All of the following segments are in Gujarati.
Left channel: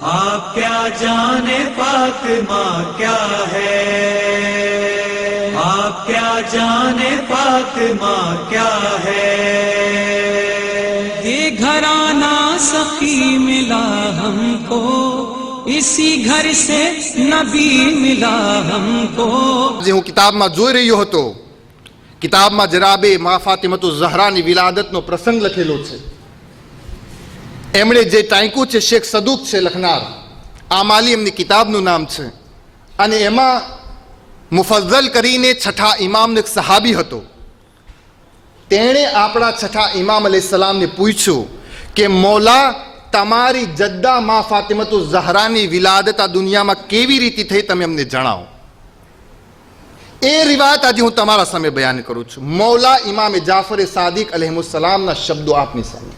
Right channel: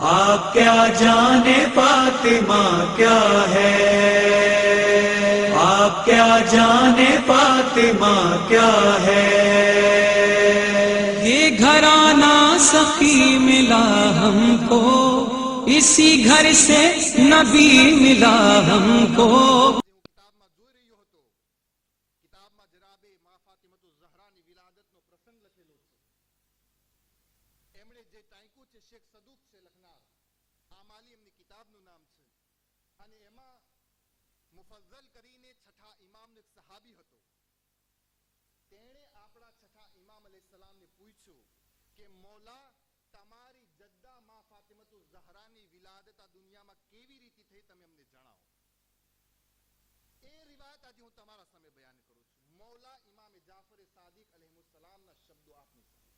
आप क्या जाने फातिमा क्या है, आप क्या जाने फातिमा क्या है। ये घराना सखी मिला हमको, इसी घर से नबी मिला हमको। જે હું કિતાબમાં જોઈ રહ્યો હતો, કિતાબમાં જનાબે મા ફાતિમતુ ઝહરાની વિલાદતનો પ્રસંગ લખેલો છે. એમણે જે ટાંક્યું છે શેખ સદુક છે લખનાર, આમાલી એમની કિતાબનું નામ છે. અને એમાં મુફઝ્ઝલ કરીને છઠ્ઠા ઇમામનો એક સહાબી હતો. તેણે આપણા છઠ્ઠા ઇમામ અલૈહિસ્સલામને પૂછ્યું કે મૌલા, તમારી જદ્દા મા ફાતિમતુ ઝહરાની વિલાદત આ દુનિયામાં કેવી રીતે થઈ, તમે અમને જણાવો. એ રિવાયત આજે હું તમારા સામે બયાન કરું છું. મૌલા ઇમામ જાફર સાદિક અલૈહિસ્સલામના શબ્દો આપની સામે.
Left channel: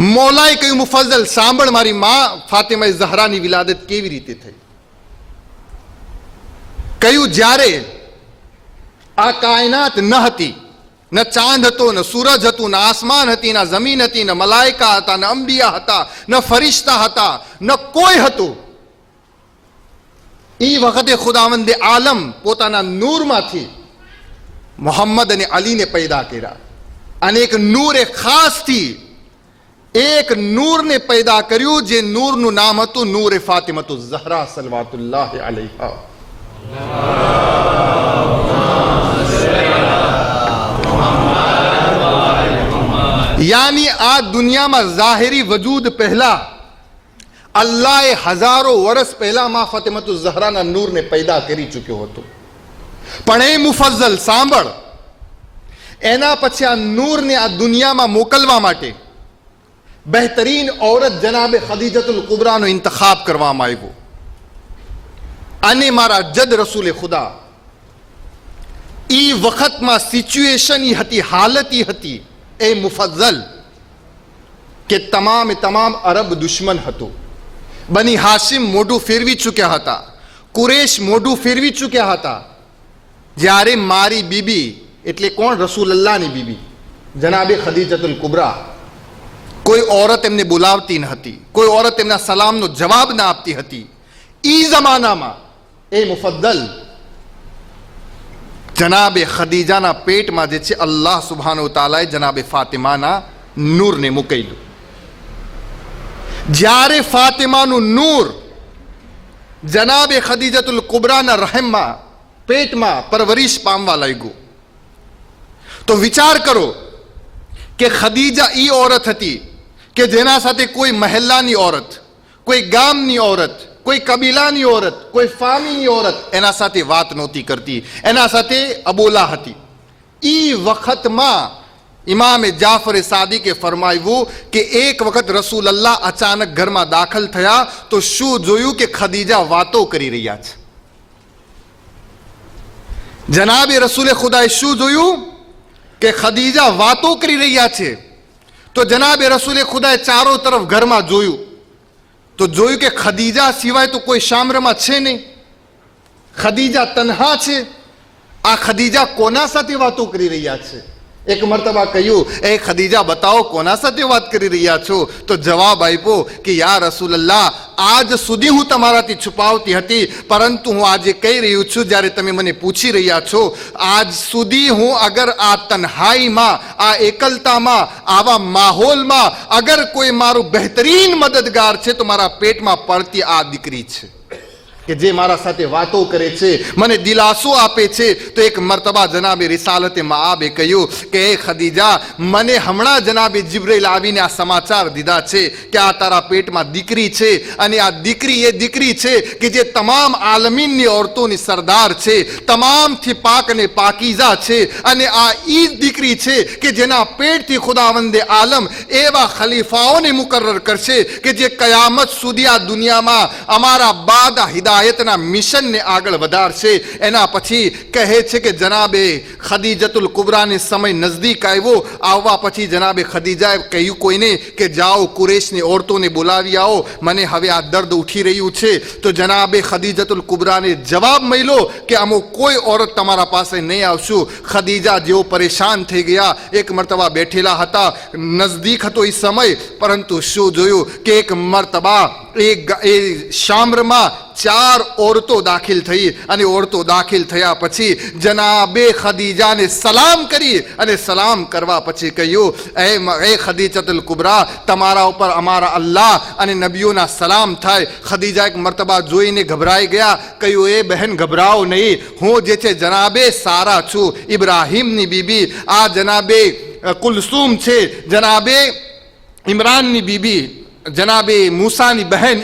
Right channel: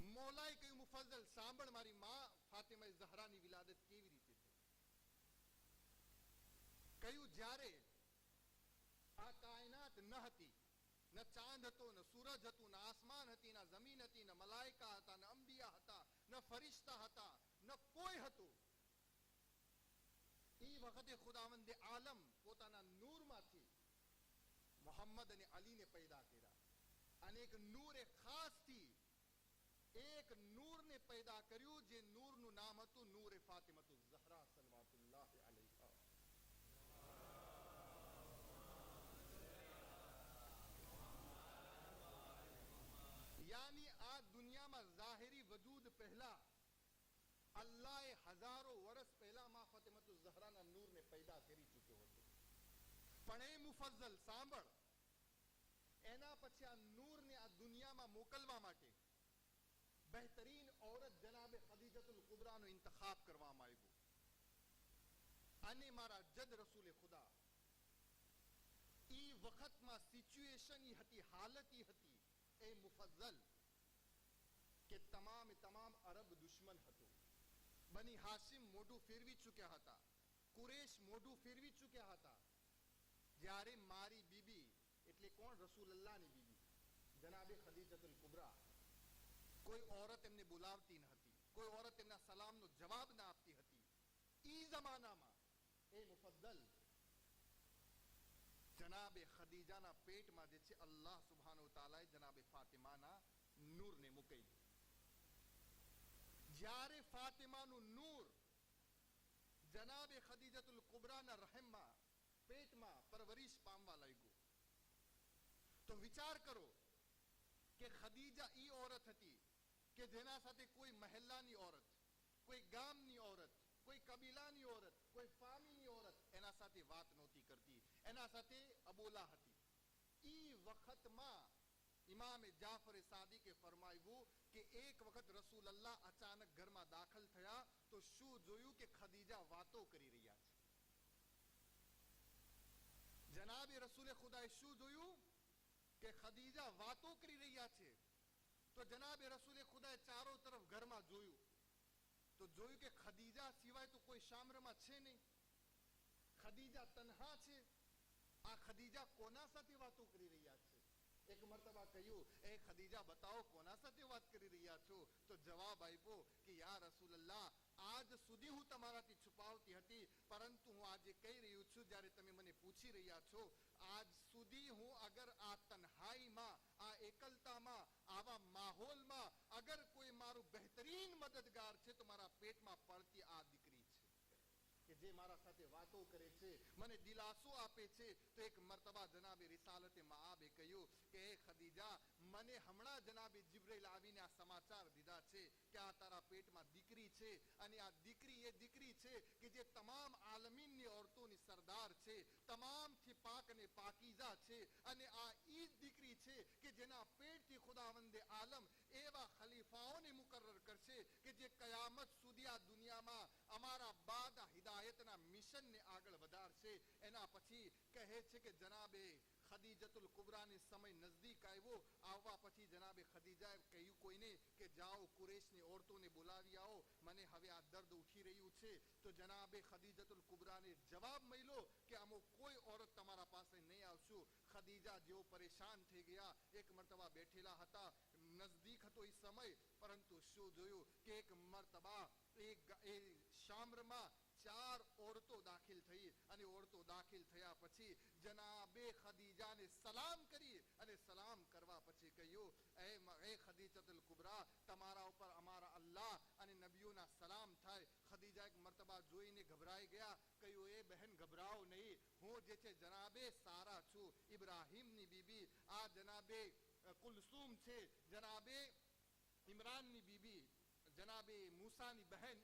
મૌલાએ કહ્યું, મુફઝ્ઝલ સાંભળ, મારી મા ફાતિમા ઝહરાની વિલાદત કેવી રીતે થઈ. કહ્યું, જ્યારે આ કાયનાત ન હતી, ન ચાંદ હતો, ન સૂરજ હતું, ન આસમાન હતી, ન જમીન હતી, ન મલાઈકા હતા, ન અંબિયા હતા, ન ફરિશ્તા હતા, ન કોઈ હતું. એ વખતે ખુદાવંદે આલમ પોતાના નૂરમાંથી મોહમ્મદ અને અલીને પેદા કર્યા. અને એક નૂરે ખાસથી એક નૂરને પેદા કર્યું, જે નૂરનું નામ હતું નૂરે ફાતિમતુ ઝહરા સલવાતુલ્લાહ અલૈહા. યાની આ દુનિયામાં ઝાહિરી વજૂદ પહેલા અલ્લાહે હજારો વર્ષ પહેલા મા ફાતિમતુ ઝહરાના નૂરને પેદા કરી ચૂક્યો હતો. પણ એ મુફઝ્ઝલ સાંભળ, એના પછી આ નૂરને આ દુનિયામાં મોકલવા માટે બહેતરીન ઔરત જનાબે ખદીજતુલ કુબરાનો ઇંતખાબ કરવામાં આવ્યો. અને મારા જદ રસૂલે ખુદા ઈ વખતમાં સિચ્યુએશન ઈ હતી, હાલત ઈ હતી એ મુફઝ્ઝલ કે તમામે તમામ અરબ દુશ્મન હતું. બની હાશિમ મોઢું ફેરવી ચૂક્યા હતા, કુરેશ મોઢું ફેરવી ચૂક્યા હતા. જ્યારે મારી બીબી એટલે કોણ? રસૂલલ્લાહની બીબી જનાબે ખદીજતુલ કુબરા, કોઈ ઓરત એમને બોલાવતી ન હતી, કોઈ ઓરત એમના સલામનો જવાબ ના આપતી હતી. ઈ જમાનામાં એ મુફદ્દલ જનાબે ખદીજાના પેટમાં જે છે અલ્લાહ સુબ્હાનહુ તઆલાએ જનાબે ફાતિમાના નૂરને મૂકેલું. જ્યારે ફાતિમાનું નૂર જનાબે ખદીજતુલ કુબરાના રહેમમાં પેટમાં પરવરિશ પામવા લાગ્યું, તો વિચાર કરો કે ખદીજા ઈ ઓરત હતી કે જેના સાથે કોઈ મહેલ્લાની ઓરત, કોઈ ગામની ઓરત, કોઈ કબીલાની ઓરત, કોઈ ફામીની ઓરત એના સાથે વાત નહોતી કરતી, એના સાથે અબોલા હતી. ઈ વખતમાં ઇમામે જાફરે સાદિકે ફરમાવ્યું કે એક વખત રસૂલલ્લાહ અચાનક ઘરમાં દાખલ થયા તો શું જોયું કે ખદીજા વાતો કરી રહ્યા છે. જનાબે રસૂલે ખુદાએ શું જોયું કે ખદીજા વાતો કરી રહ્યા છે. તો જનાબે રસૂલે ખુદાએ ચારો તરફ ઘરમાં જોયું તો જોયું કે ખદીજા સિવાય તો કોઈ શામરમાં છે નહીં. ખદીજા તન્હા છે. આ ખદીજા કોના સાથે વાતો કરી રહ્યા છે? એક મરતબા કહ્યું, એ ખદીજા બતાવો કોના સાથે વાત કરી રહ્યા છો? તો જવાબ આપ્યો કે યા રસૂલલ્લાહ, આજ સુધી હું તમારાથી છુપાવતી હતી, પરંતુ હું આજે કહી રહ્યું છું, જ્યારે તમે મને પૂછી રહ્યા છો, આજ સુધી હું અગર આ તન્હાઈમાં, આ એકલતામાં, આવા માહોલમાં અગર કોઈ મારું બહેતરીન મદદગાર છે તો મારા પેટમાં પડતી આ દીકરી છે કે જે મારા સાથે વાતો કરે છે, મને દિલાસો આપે છે. તો એક મરતબા જનાબે રિસાલતે મઆબે કહ્યું કે એ ખદીજા, મને હમણાં જનાબે જિબ્રીલ આવીને આ સમાચાર દીધા છે કે આ તારા પેટમાં દીકરી છે, અને આ દીકરી એ દીકરી છે કે જે તમામ આલમીનની ઓરતોની સરદાર છે, તમામથી પાક અને પાકીઝા છે. અને આ ઈ દીકરી છે કે જેના પેટથી ખુદાવંદે આલમ એવા ખલીફાઓને મુકર્રર કરશે કે જે કયામત સુધી આ દુનિયામાં અમારા બાદ હિદાયત હિદાયતના મિશનને આગળ વધારશે. એના પછી કહે છે કે જનાબે ખદીજતુલ કુબરાને સમય નજદીક આવ્યો. આવવા પછી જનાબે ખદીજાએ કહ્યું કોઈને કે જાઓ કુરેશની ઓરતોને બોલાવી આવો, મને હવે આ દર્દ ઉઠી રહ્યું છે. તો જનાબે ખદીજતુલ કુબરાને જવાબ મળ્યો કે અમુક કોઈ ઓરત તમારા પાસે નહીં આવશું. ખદીજા જેઓ પરેશાન થઈ ગયા, એક મરતબા બેઠેલા હતા, નજદીક હતો એ સમય, પરંતુ શું જોયું કે એક મરતબા એ શામ્રમાં 4 ઓરતો દાખલ થઈ અને ઓરતો દાખલ થયા પછી જનાબે ખદીજાને સલામ કરી અને સલામ કરવા પછી કહ્યું એ ખદીજતુલ કુબરા, તમારા ઉપર અમારા અલ્લાહ અને નબીઓના સલામ થાય. ખદીજા એક મરતબા જોઈને ગભરાઈ ગયા. કહ્યું એ બહેન ગભરાઓ નહીં, હું જે છે જનાબે સારા છું, ઇબ્રાહીમની બીબી, આ જનાબે કુલસુમ છે, જનાબે ઇમરાનની બીબી, જનાબે મૂસાની બહેન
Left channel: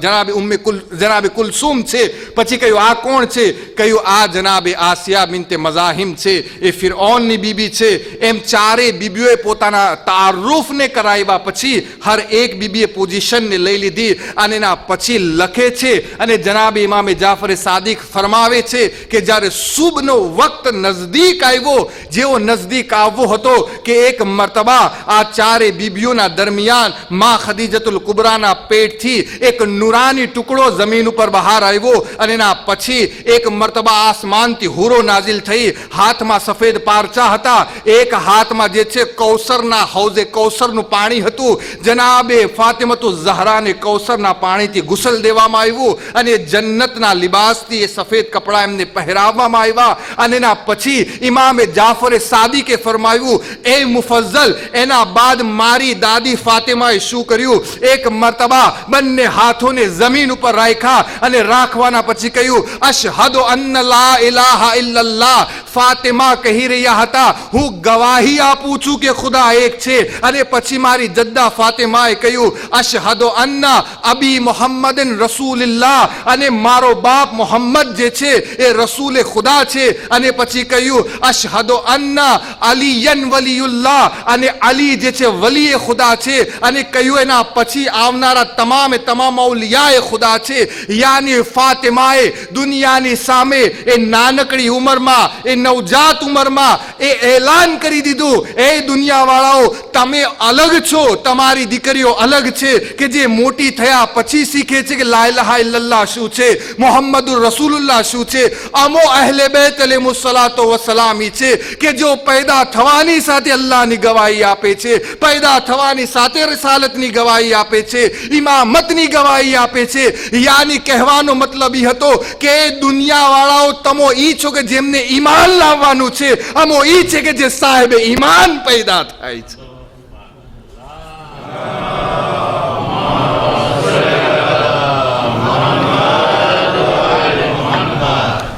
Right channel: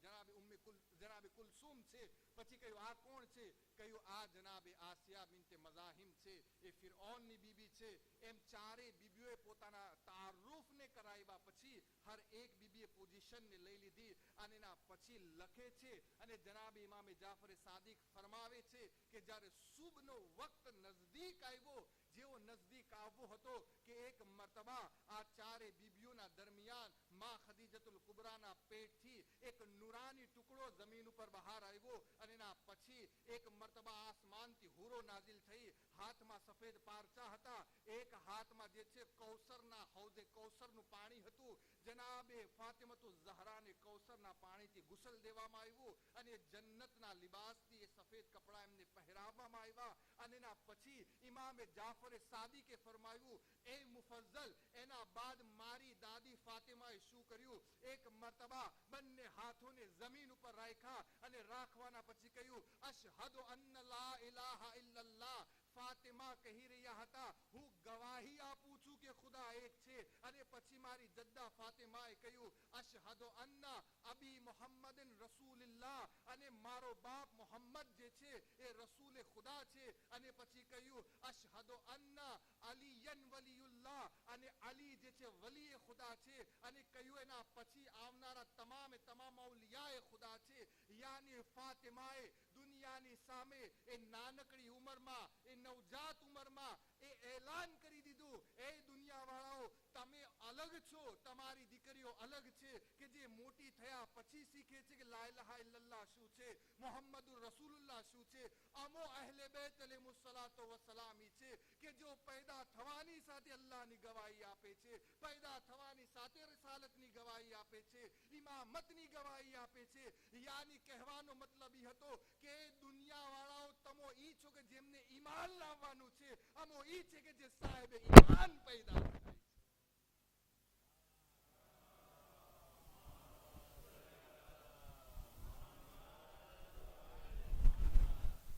જનાબે કુલસુમ છે. પછી કહ્યું આ કોણ છે? કહ્યું આ જનાબે આસિયા બિન્તે મઝાહિમ છે, એ ફિરૌનની બીબી છે. એમ 4 બીબીઓએ પોતાના તારુફને કરાવ્યા પછી હર એક બીબીએ પોઝિશનને લઈ લીધી અને એના પછી લખે છે અને જનાબે ઇમામે જાફરે સાદિક ફરમાવે છે કે જ્યારે સુબનો વક્ત નજદીક આવ્યો, જેવો નજદીક આવવો હતો કે એક મરતબા આ 4 બીબીઓના દરમિયાન માં ખદીજતુલ કુબરાના પેટથી એક નુરાની ટુકડો જમીન ઉપર બહાર આવ્યો અને એના પછી એક મરતબા આસમાનથી હુરો નાઝિલ થઈ. હાથમાં સફેદ પારચા હતા, એક હાથમાં જે છે કૌસરના હૌઝે કૌસરનું પાણી હતું. જનાબે ફાતિમતુ ઝહરાને કૌસરના પાણીથી ગુસલ દેવામાં આવ્યું અને જન્નતના લિબાસથી એ સફેદ કપડા એમને પહેરાવવામાં આવ્યા. અને એના પછી ઇમામે જાફરે સાદિકે ફરમાવ્યું એ મુફઝ્ઝલ, એના બાદ મારી દાદી ફાતિમાએ શું કર્યું? એક મરતબા બંને હાથોને જમીન ઉપર રાખ્યા અને રાખવાના પછી કહ્યું અશહદુ અન્ન લા ઇલાહા ઇલ્લલ્લાહ. ફાતિમા કહી રહ્યા હતા હું ગવાહી આપું છું કે ખુદા એક છે. અને પછી મારી જદ્દા ફાતિમાએ કહ્યું અશહદુ અન્ના અબી મુહમ્મદન રસૂલુલ્લાહ, અને મારો બાપ મોહમ્મદ જે છે એ રસૂલે ખુદા છે. અને પછી કહ્યું અશહદુ અન્ના અલીયન વલીયુલ્લાહ, અને અલી જે છે વલીએ ખુદા છે. અને કહ્યું એના પછી આવનારા તમામે તમામ ઔલિયાએ ખુદા છે. યાની ફાતિમાએ દુનિયાની સામે એ નાનકડી ઉંમરમાં, એ નવજાત ઉંમરમાં એ એલાન કરી દીધું એ દુનિયાવાળાઓ તમે અલગ છો, તમારી દીકરીઓ અલગ છે કે જે મોટી થયા પછી શીખે છે કે લા ઇલાહા ઇલ્લલ્લાહ શું છે, મુહમ્મદુર રસૂલુલ્લાહ શું છે. અમો અહલે બેત અલૈહિસ્સલાતો વસલામી છે કે જો પેદા થવાની સાથે અલ્લાહની ગવાહી આપે છે, પેદા થવાની સાથે રિસાલતની ગવાહી આપે છે, ઇમામતની ગવાહી આપે છે. યાની કહેવાનો મતલબ એ હતો કે દુનિયાવાળાઓ તમો ઈ છો કે જેમને ઈમાન લાવવાનું છે, અમો ઈ છે કે જે સાહેબે ઈમાન પેદા થાય છે.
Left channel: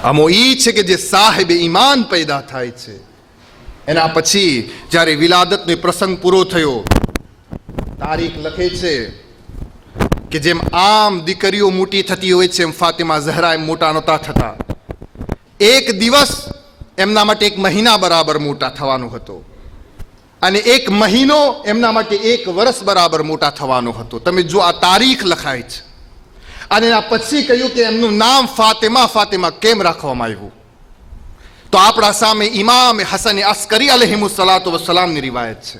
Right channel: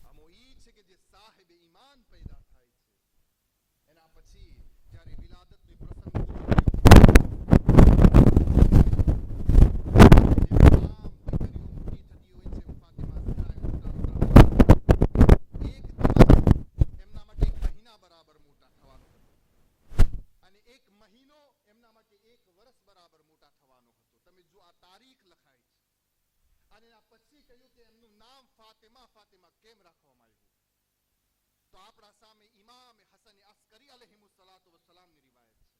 અમો ઈ છે કે જે સાહેબે ઈમાન પેદા થાય છે. એના પછી જ્યારે વિલાદતનો પ્રસંગ પૂરો થયો, તારીખ લખે છે કે જેમ આમ દીકરીઓ મોટી થતી હોય છે એમ ફાતિમા ઝહરા એમ મોટા નહોતા થતા. એક દિવસ એમના માટે 1 મહિના બરાબર મોટા થવાનો હતો અને 1 મહિનો એમના માટે 1 વર્ષ બરાબર મોટા થવાનો હતો. તમે જો આ તારીખ લખાય છે. અને એના પછી કહ્યું કે એમનું નામ ફાતિમા કેમ રાખવામાં આવ્યું? તો આપણા સામે ઇમામ હસન અસ્કરી અલૈહિસ્સલાતુ વસ્સલામની રિવાયત છે.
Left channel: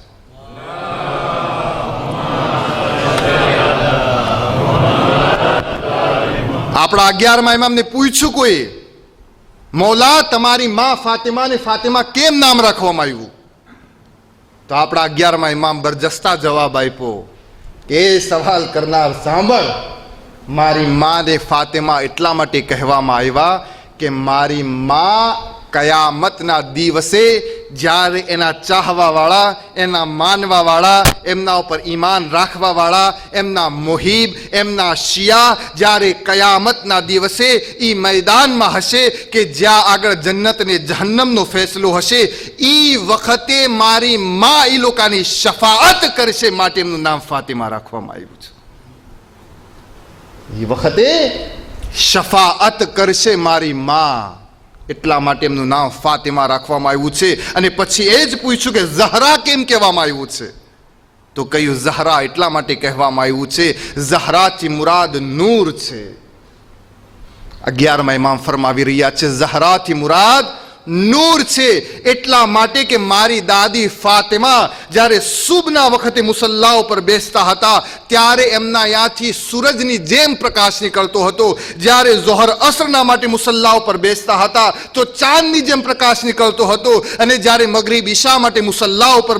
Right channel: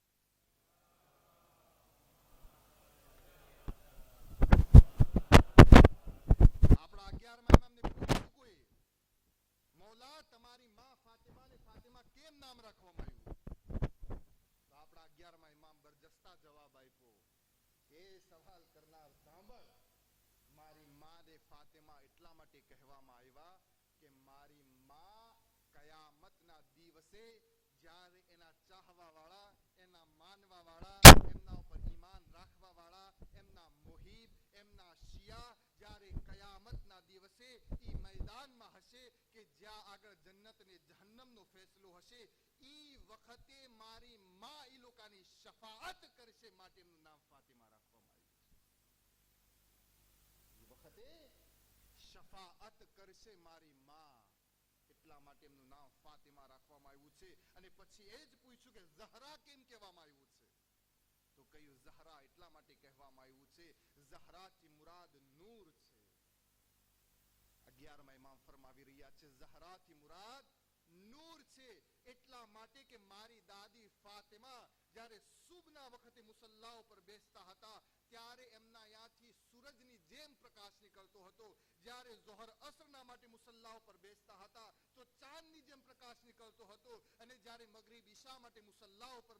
આપણા 11મા ઇમામને પૂછ્યું કોઈ, મૌલા તમારી માં ફાતિમાને ફાતિમા કેમ નામ રાખવામાં આવ્યું? તો આપણા 11મા ઇમામ બરજસ્તા જવાબ આપ્યો કે સવાલ કરનાર સાંભળ, મારી માને ફાતિમા એટલા માટે કહેવામાં આવ્યા કે મારી માં કયામતના દિવસે જ્યારે એના ચાહવાવાળા, એના માનવાવાળા, એમના ઉપર ઈમાન રાખવાવાળા, એમના મુહિબ, એમના શિયા જ્યારે કયામતના દિવસે એ મેદાનમાં હશે કે જ્યાં આગળ જન્નત ને જહન્નમનો ફેસલો હશે, એ વખતે મારી માં એ લોકોની શફાઅત કરશે, માટે એમનું નામ ફાતિમા રાખવામાં આવ્યું છે. એ વખતે શફાઅત કરશે મારી માં, એટલા માટે એમનું નામ ફાતિમા રાખવામાં આવ્યું છે. અને પછી એ જ પૂછ્યું કે ઝહરા કેમ કહેવામાં આવ્યું છે? તો કહ્યું ઝહરા એટલા માટે કહેવામાં આવ્યું છે, ઝહરાથી મુરાદ નૂર છે. 11મા ઇમામ ફરમાવી રહ્યા છે, ઝહરાથી મુરાદ નૂર છે, એટલા માટે કે મારી દાદી ફાતિમા જ્યારે સુબના વખતે મુસલ્લા ઉપર બેસતા હતા ત્યારે એમના યાથી સૂરજની જેમ પ્રકાશ નીકળતો હતો, જ્યારે ઝોહર અસરના માટે મુસલ્લા ઉપર બેસતા હતા તો ચાંદની જેમ પ્રકાશ નીકળતો હતો, અને જ્યારે મગરીબ ઈશા માટે મુસલ્લા ઉપર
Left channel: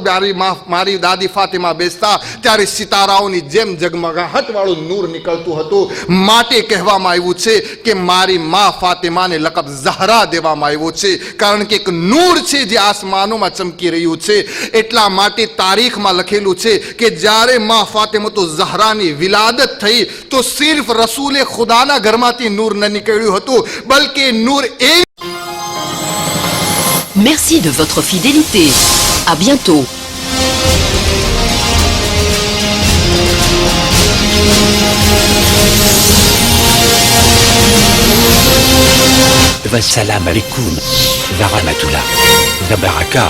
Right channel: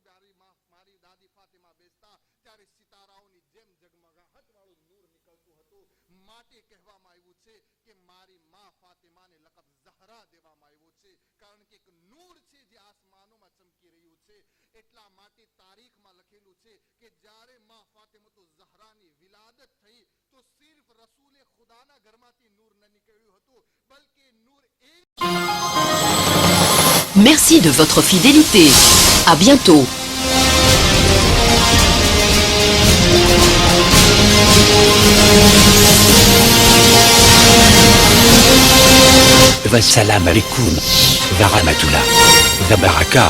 મારી દાદી ફાતિમા બેસતા ત્યારે સિતારાઓની જેમ જગમગાહટ વાળું નૂર નીકળતું હતું. માટે કહેવામાં આવ્યું છે કે મારી મા ફાતિમાને લકબ ઝહરા દેવામાં આવ્યો છે, કારણ કે એક નૂર છે જે આસમાનોમાં ચમકી રહ્યું છે. એટલા માટે તારીખમાં લખેલું છે કે જ્યારે મા ફાતિમા ઝહરાની વિલાદત થઈ તો સિર્ફ રસૂલે ખુદાના ઘરમાંથી નૂર ન નીકળ્યું હતું, બલકે નૂર એ. Merci de votre fidélité. À bientôt. Wassalam alaikum. Wa rahmatullah. Wa baraka.